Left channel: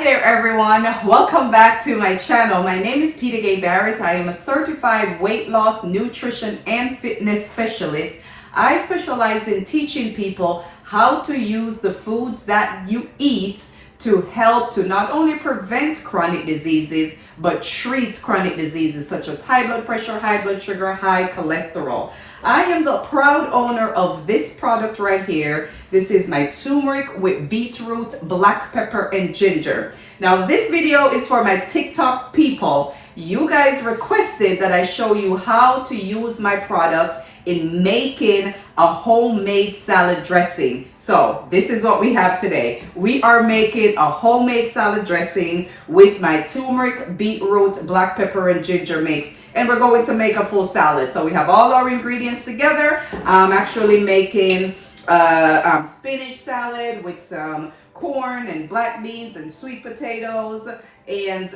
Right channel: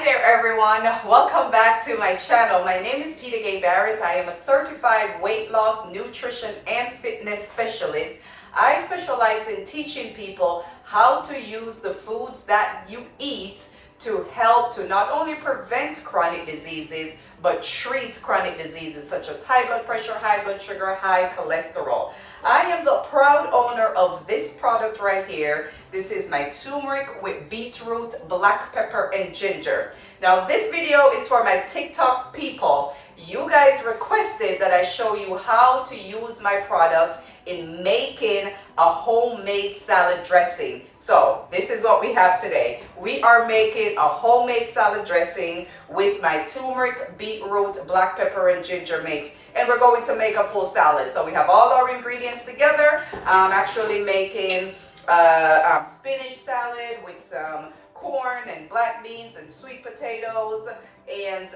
Hi there everyone, welcome back to my channel. My name is Peter Gay Barrett. I am a certified weight loss, nutrition and fitness specialist. I specialize in teaching people how to use the foods that you eat to help to not only prevent chronic diseases but treat chronic diseases such as high blood pressure, high blood sugar, high cholesterol. I am the proud owner of this product right here. This is my turmeric with beetroot, black pepper, and ginger. Now this video is for my TikTok people. You guys requested that I show you how to use my products in making a homemade salad dressing. So this is what we have today. We are making a homemade salad dressing with my turmeric, beetroot, black pepper, and ginger mix. And we're going to make a full salad. So we have all our ingredients together. I'm actually making spinach salad with some corn and black beans and sweet potatoes and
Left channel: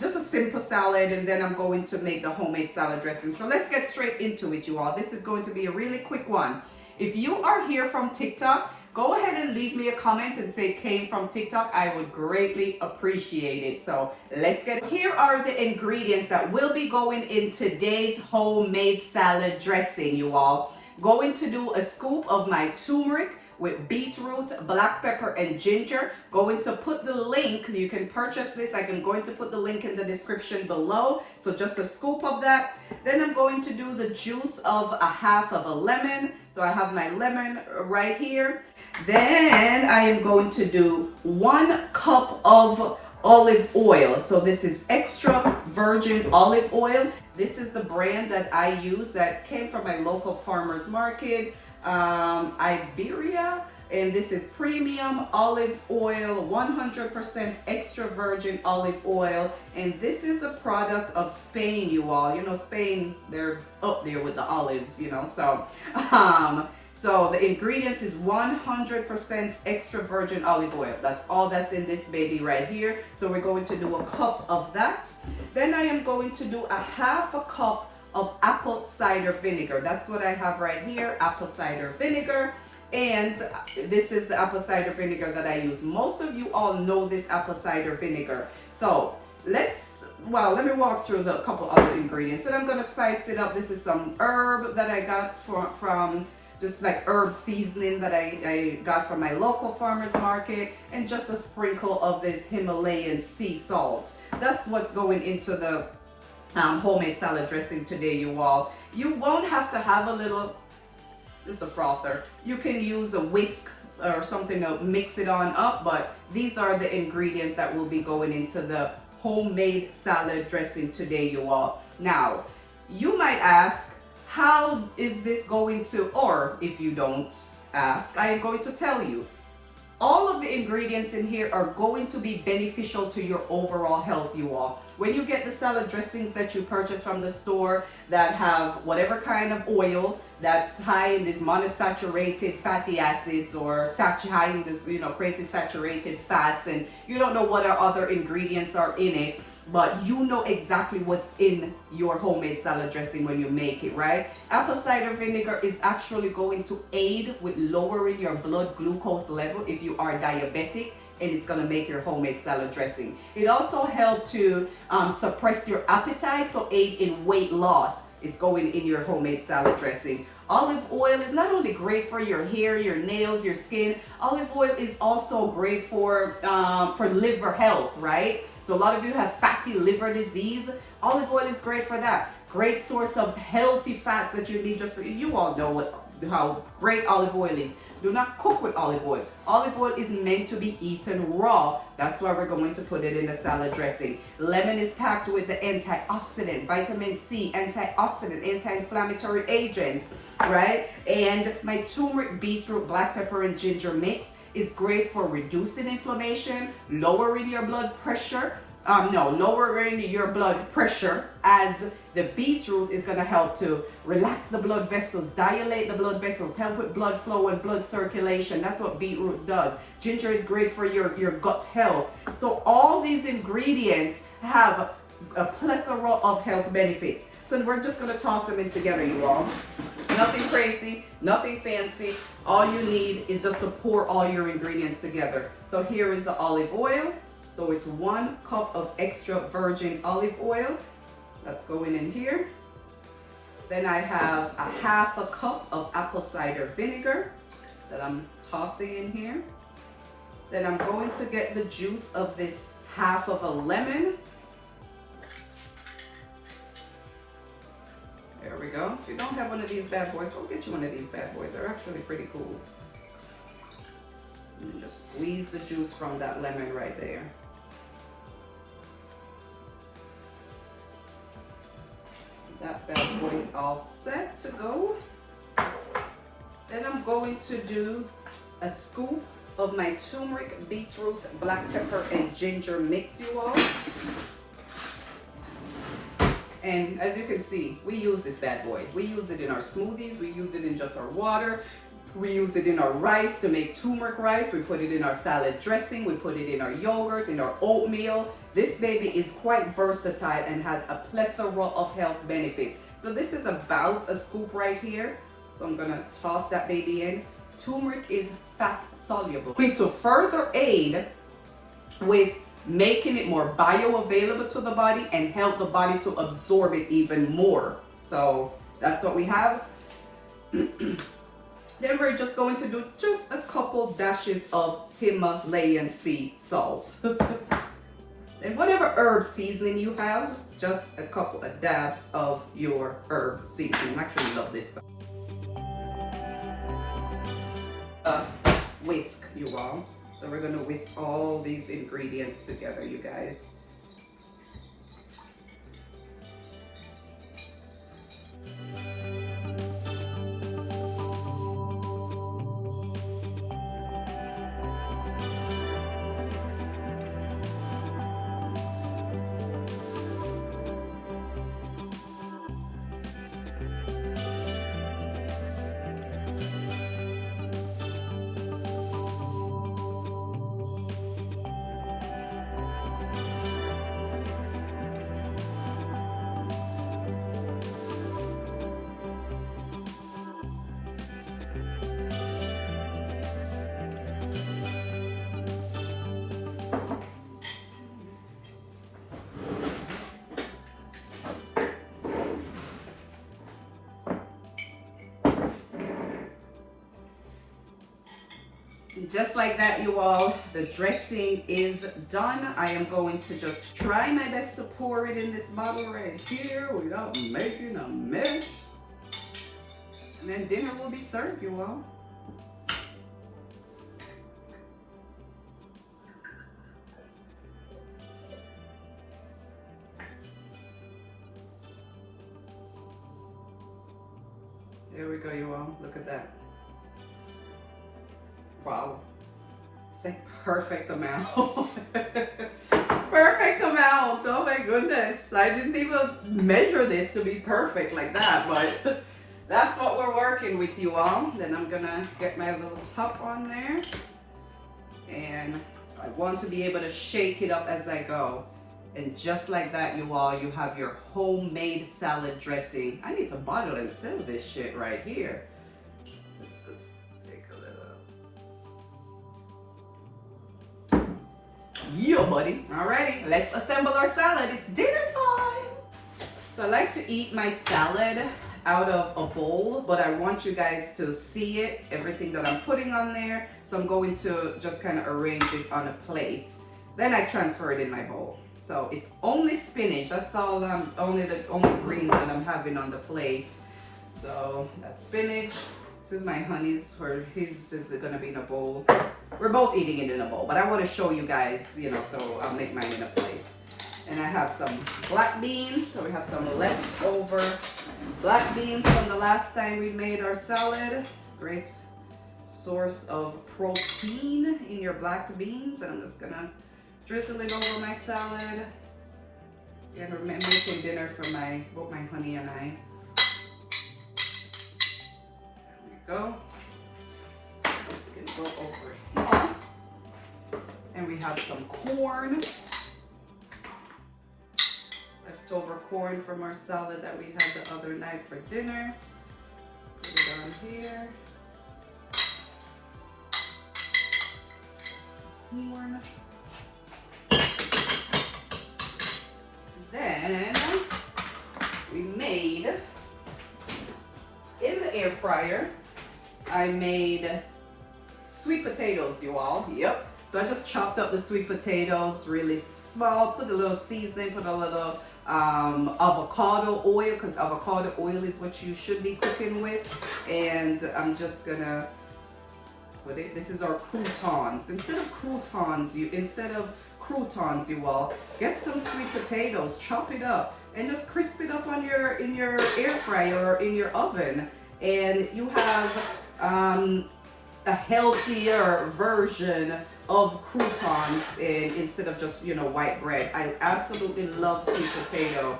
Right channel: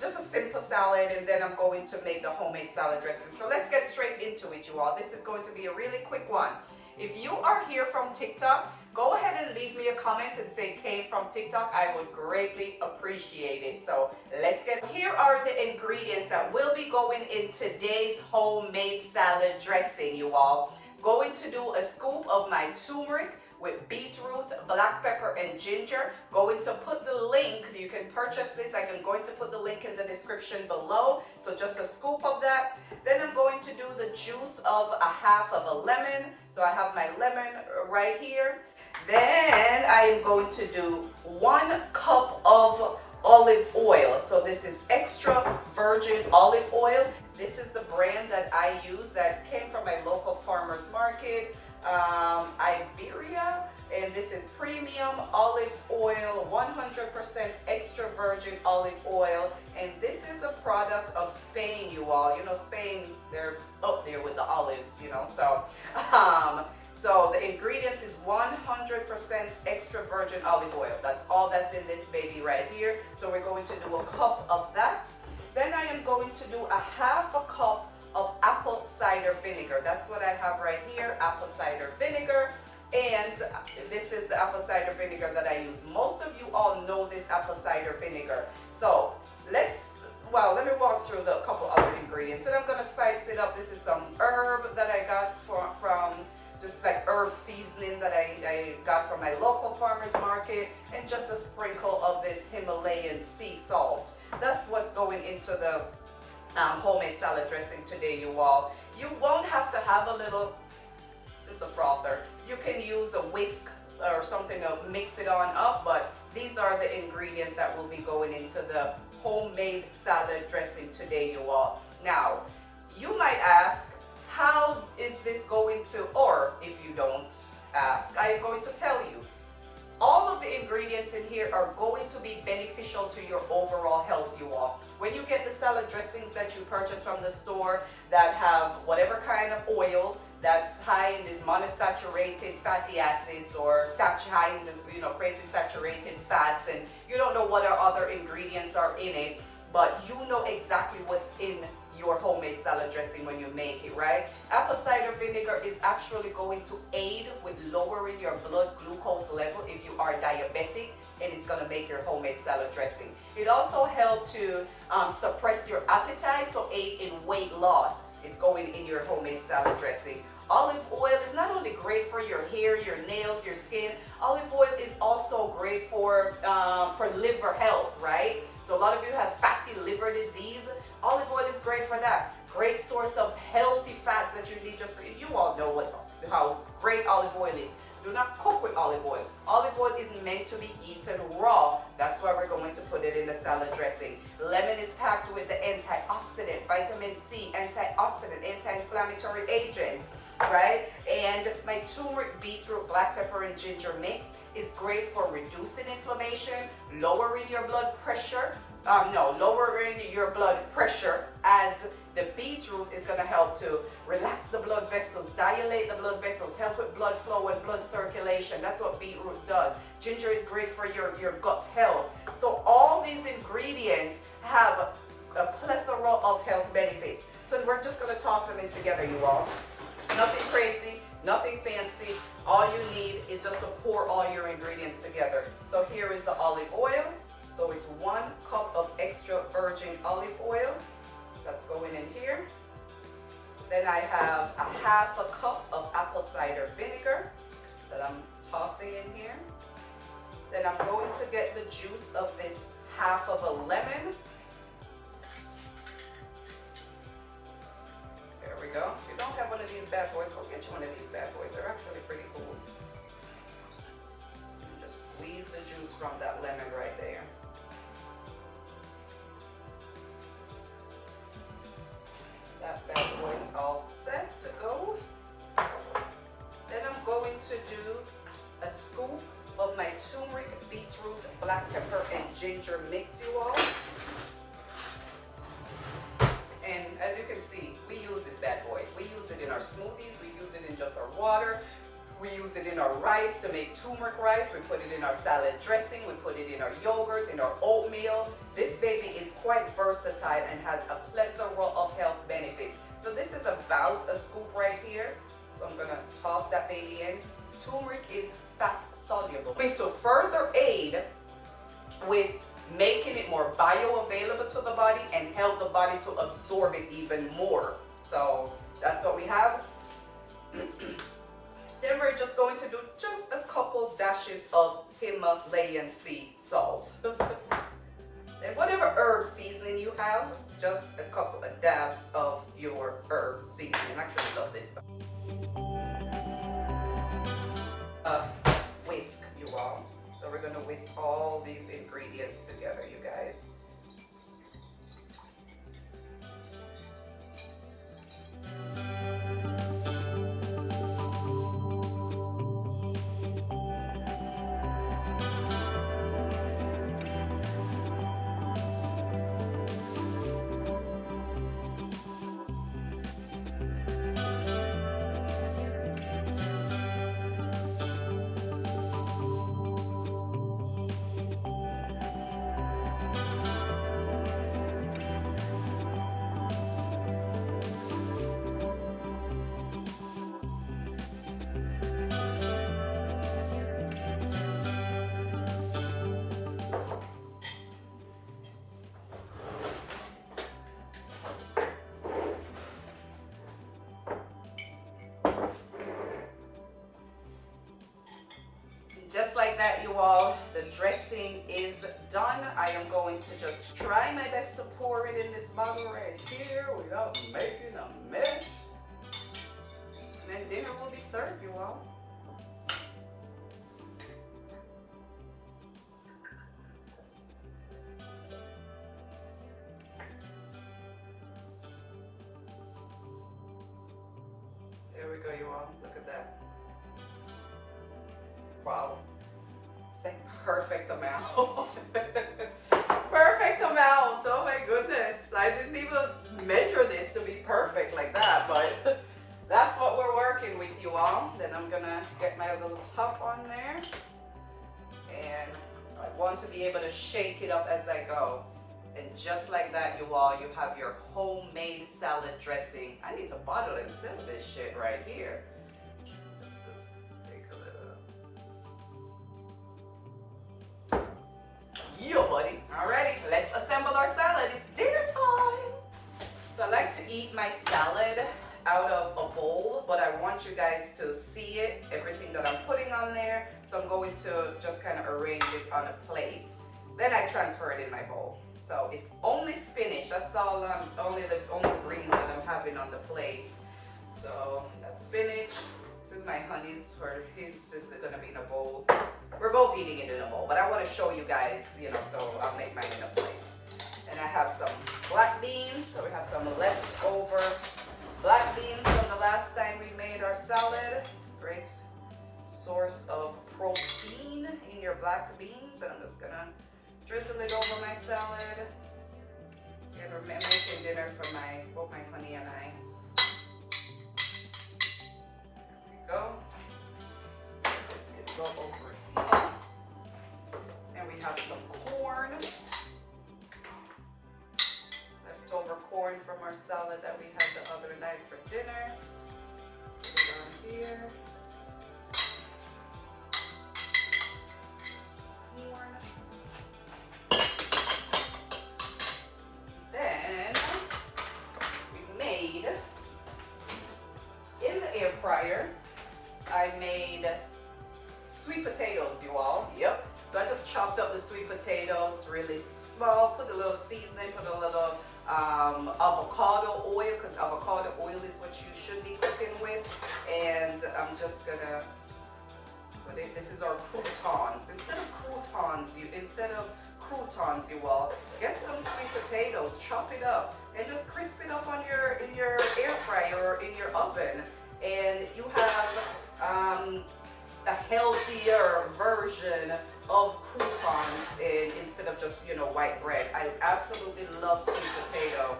just a simple salad, and then I'm going to make the homemade salad dressing. So let's get straight into it, you all. This is going to be a really quick one. If you are here from TikTok, go ahead and leave me a comment and say came from TikTok. I would greatly appreciate it. So let's get, here are the ingredients that will be going in today's homemade salad dressing, you all. Going to do a scoop of my turmeric with beetroot, black pepper, and ginger. Going to put the link, you can purchase this. I'm going to put the link in the description below. So just a scoop of that. Then I'm going to do the juice of a half of a lemon. So I have my lemon right here. Then I am going to do 1 cup of olive oil. So this is extra virgin olive oil. This is the brand that I use that came from my local farmer's market, Iberia, and this is premium olive oil, 100% extra virgin olive oil, and this is a product of Spain, you all. You know, Spain, they're up there with the olives, you know, so the ingredients is 100% extra virgin olive oil. That's all that's in this baby right here. So we're going to do a cup of that. Then I am going to do a half a cup of apple cider vinegar. That's what I have right here, apple cider vinegar. And this is the apple cider vinegar that I use. Most of you all know this apple cider vinegar. So let me walk through the couple other ingredients. And I'm gonna spice it up. This is some herb that I got from just like herb seasoning that I got from my local farmer's market, and just a sprinkle of this Himalayan sea salt. That's what's going into the homemade salad dressing today, you all. You won't have to have just a frother. You can use a whisk or something to mix it on up, but these are the ingredients that will be going into the homemade salad dressing today, you all. Now, you might ask, how is this going to, or if you don't ask, I am going to tell you. All of the ingredients in here are going to be beneficial to your overall health, you all. When you get the salad dressings that you purchase from the store that have whatever kind of oil that's high in these monosaturated fatty acids or high in this, you know, crazy saturated fats, and you don't know what other ingredients are in it, but you know exactly what's in your homemade salad dressing when you make it, right? Apple cider vinegar is actually going to aid with lowering your blood glucose level if you are diabetic, and it's gonna make your homemade salad dressing. It also helps to suppress your appetite, so aid in weight loss. It's going in your homemade salad dressing. Olive oil is not only great for your hair, your nails, your skin. Olive oil is also great for liver health, right? So a lot of you have fatty liver disease. Olive oil is great for that. Great source of healthy fats that you need just for you. You all know how great olive oil is. Do not cook with olive oil. Olive oil is meant to be eaten raw. That's why we're going to put it in the salad dressing. Lemon is packed with the antioxidant, vitamin C, antioxidant, anti-inflammatory agents, right? And my turmeric, beetroot, black pepper, and ginger mix is great for reducing inflammation, lowering your blood pressure. Lowering your blood pressure, as the beetroot is going to help to relax the blood vessels, dilate the blood vessels, help with blood flow and blood circulation. That's what beetroot does. Ginger is great for your gut health. So all these ingredients have a plethora of health benefits. So we're just going to toss them in together, you all. Nothing crazy, nothing fancy. All you need is just to pour all your ingredients together. So here is the olive oil. So it's 1 cup of extra virgin olive oil that's going in here. Then I have a 1/2 cup of apple cider vinegar that I'm tossing in here. Then I'm going to get the juice of this 1/2 of a lemon. There we go. If you don't have one of these bad boys, go get you one of these bad boys. They're actually pretty cool. And just squeeze the juice from that lemon right there. That bad boy is all set to go. Then I'm going to do a scoop of my turmeric, beetroot, black pepper, and ginger mix, you all. And as you can see, we use this bad boy. We use it in our smoothies, we use it in just our water, we use it in our rice to make turmeric rice, we put it in our salad dressing, we put it in our yogurt, in our oatmeal. This baby is quite versatile and has a plethora of health benefits. So this is about a scoop right here. So I'm gonna toss that baby in. Turmeric is fat soluble. Going to further aid with making it more bioavailable to the body and help the body to absorb it even more. So that's what we have. Then we're just going to do just a couple dashes of Himalayan sea salt. And whatever herb seasoning you have, just a couple of dabs of your herb seasoning. I actually love this stuff. Whisk, you all. So we're gonna whisk all these ingredients together, you guys. Just like that, you all, the dressing is done. I am going to just try my best to pour it in this bottle right here without making a mess. And then dinner will be served, you all. Here we go, you all. Look at that. Wow, it's like perfect amount. Perfect amount, oh my goodness. I didn't even measure this to be perfect like that, but that's what we're working with, you all. Then I'm gonna get my little top on there. And I want to be able to shake it up as I go. And just like that, you all, you have your homemade salad dressing. I need to bottle and sell this shit right here. Yeah, buddy. Alrighty, let's assemble our salad. It's dinner time. So I like to eat my salad out of a bowl, but I want you guys to see it, everything that I'm putting on there. So I'm going to just kind of arrange it on a plate. Then I transfer it in my bowl. So it's only spinach. That's all. Only greens that I'm having on the plate. So that's spinach. This is my honey's, or his is gonna be in a bowl. We're both eating it in a bowl, but I want to show you guys, you know, so I'll make mine in a plate. And I have some black beans, so we have some leftover black beans from the last time we made our salad. It's a great source of protein in your black beans, and I'm just gonna drizzle it over my salad. Yeah, we're making dinner for both my honey and I. Go. So this can go over here. And we have some corn. Leftover corn from our salad that we had the other night for dinner. Put it on here. Some corn. air fryer. I made sweet potatoes, you all. Yep. So I just chopped up the sweet potatoes really small, put a little seasoning, put a little avocado oil, because avocado oil is what you should be cooking with. And I'm just gonna put it, this is our croutons. Instead of croutons, you all, get some sweet potatoes, chop it up, and just crisp it up on in your air fryer or in your oven. And you have a healthier version of croutons instead of just, you know, white bread. I absolutely love sweet potato.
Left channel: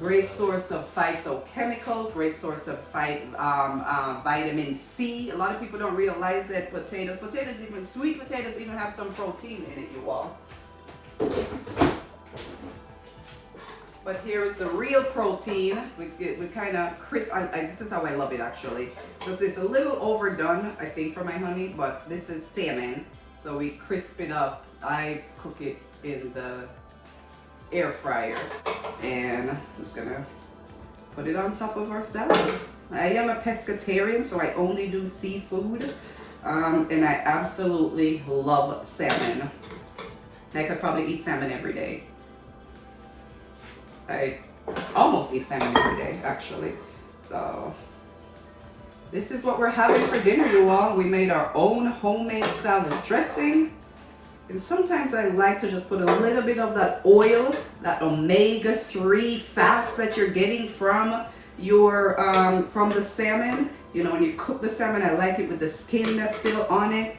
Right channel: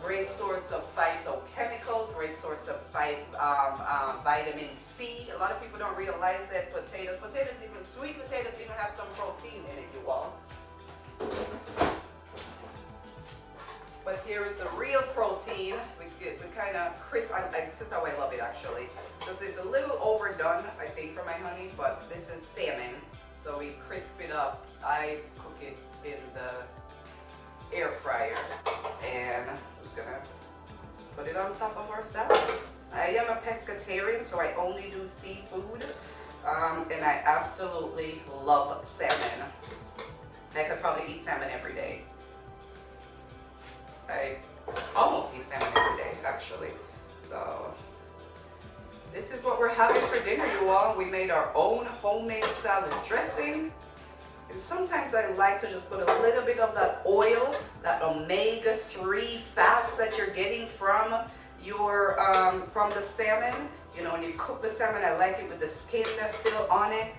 Great source of phytochemicals, great source of vitamin C. A lot of people don't realize that sweet potatoes even have some protein in it, you all. But here is the real protein. We kind of crisp. This is how I love it, actually. This is a little overdone, I think, for my honey, but this is salmon. So we crisp it up. I cook it in the air fryer. And I'm just gonna put it on top of our salad. I am a pescatarian, so I only do seafood. And I absolutely love salmon. I could probably eat salmon every day. I almost eat salmon every day, actually. So this is what we're having for dinner, you all. We made our own homemade salad dressing. And sometimes I like to just put a little bit of that oil, that omega-3 fats that you're getting from your from the salmon. You know, when you cook the salmon, I like it with the skin that's still on it.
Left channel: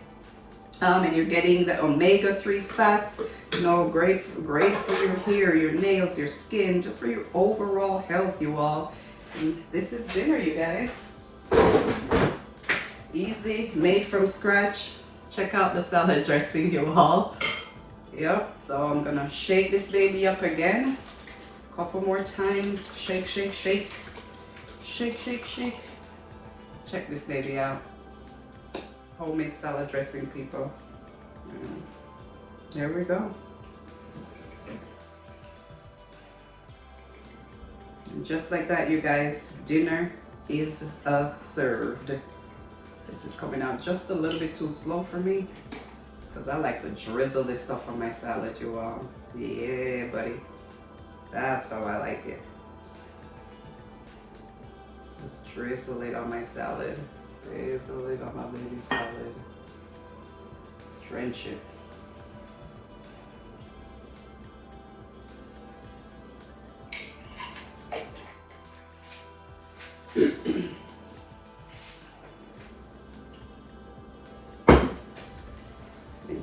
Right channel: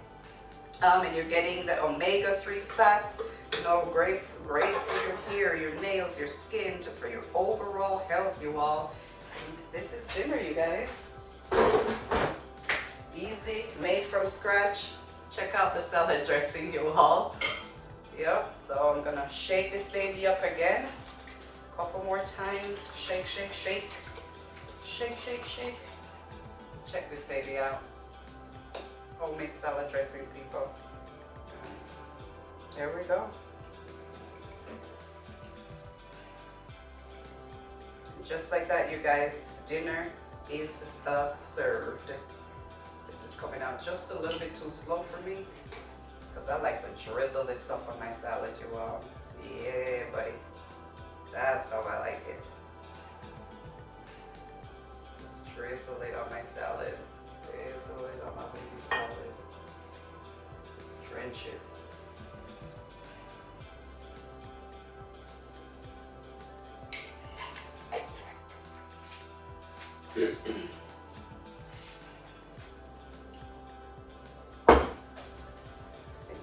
And you're getting the omega-3 fats, you know, great for your hair, your nails, your skin, just for your overall health, you all. And this is dinner, you guys. Easy, made from scratch. Check out the salad dressing, you all. Yep, so I'm gonna shake this baby up again. A couple more times. Shake, shake, shake. Shake, shake, shake. Check this baby out. Homemade salad dressing, people. There we go. And just like that, you guys, dinner is served. This is coming out just a little bit too slow for me because I like to drizzle this stuff on my salad, you all. Yeah, buddy. That's how I like it. Just drizzle it on my salad. Drizzle it on my baby salad. Drench it.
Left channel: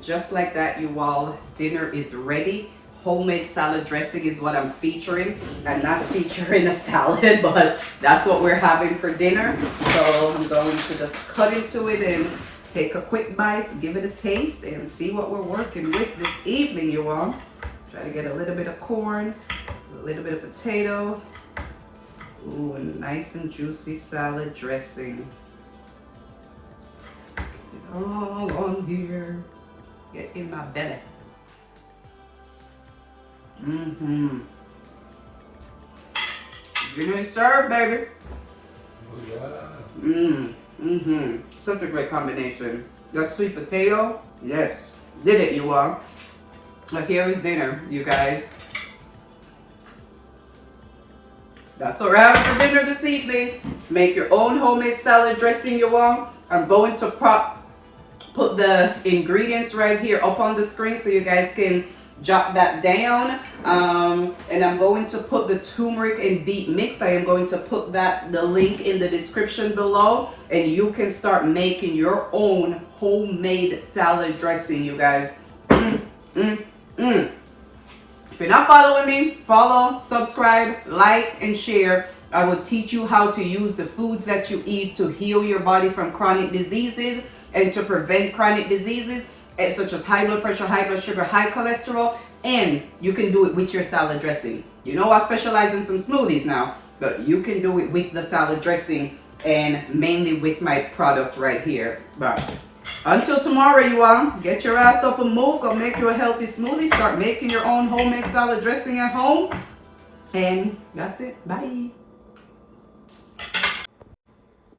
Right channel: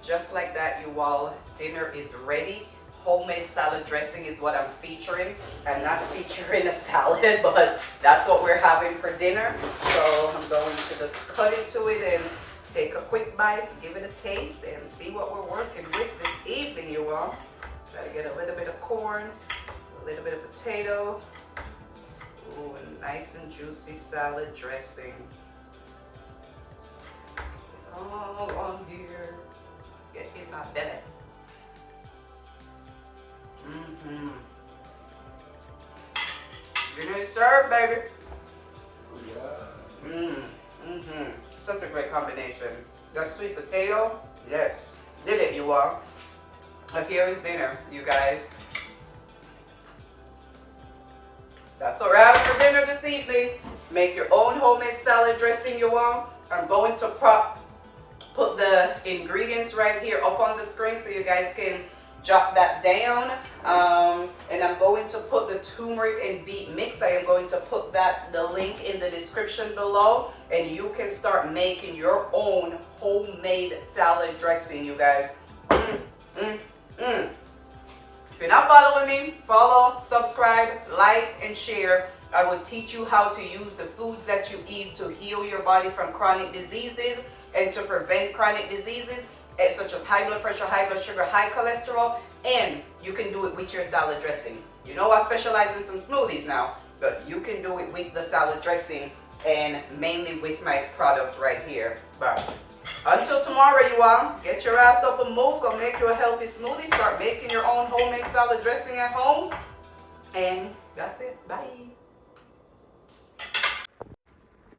Just like that, you all, dinner is ready. Homemade salad dressing is what I'm featuring. I'm not featuring a salad, but that's what we're having for dinner. So I'm going to just cut into it and take a quick bite, give it a taste, and see what we're working with this evening, you all. Try to get a little bit of corn, a little bit of potato. Ooh, a nice and juicy salad dressing. Get it all on here. Get in my belly. Dinner is served, baby. Such a great combination. That sweet potato, yes. Did it, you all. But here is dinner, you guys. That's what we're having for dinner this evening. Make your own homemade salad dressing, you all. I'm going to put the ingredients right here up on the screen so you guys can jot that down. And I'm going to put the turmeric and beet mix. I am going to put the link in the description below, and you can start making your own homemade salad dressing, you guys. If you're not following me, follow, subscribe, like, and share. I will teach you how to use the foods that you eat to heal your body from chronic diseases and to prevent chronic diseases such as high blood pressure, high blood sugar, high cholesterol, and you can do it with your salad dressing. You know, I specialize in some smoothies now, but you can do it with the salad dressing and mainly with my product right here. But until tomorrow, you all, get your ass up and move. Go make you a healthy smoothie. Start making your own homemade salad dressing at home. And that's it. Bye.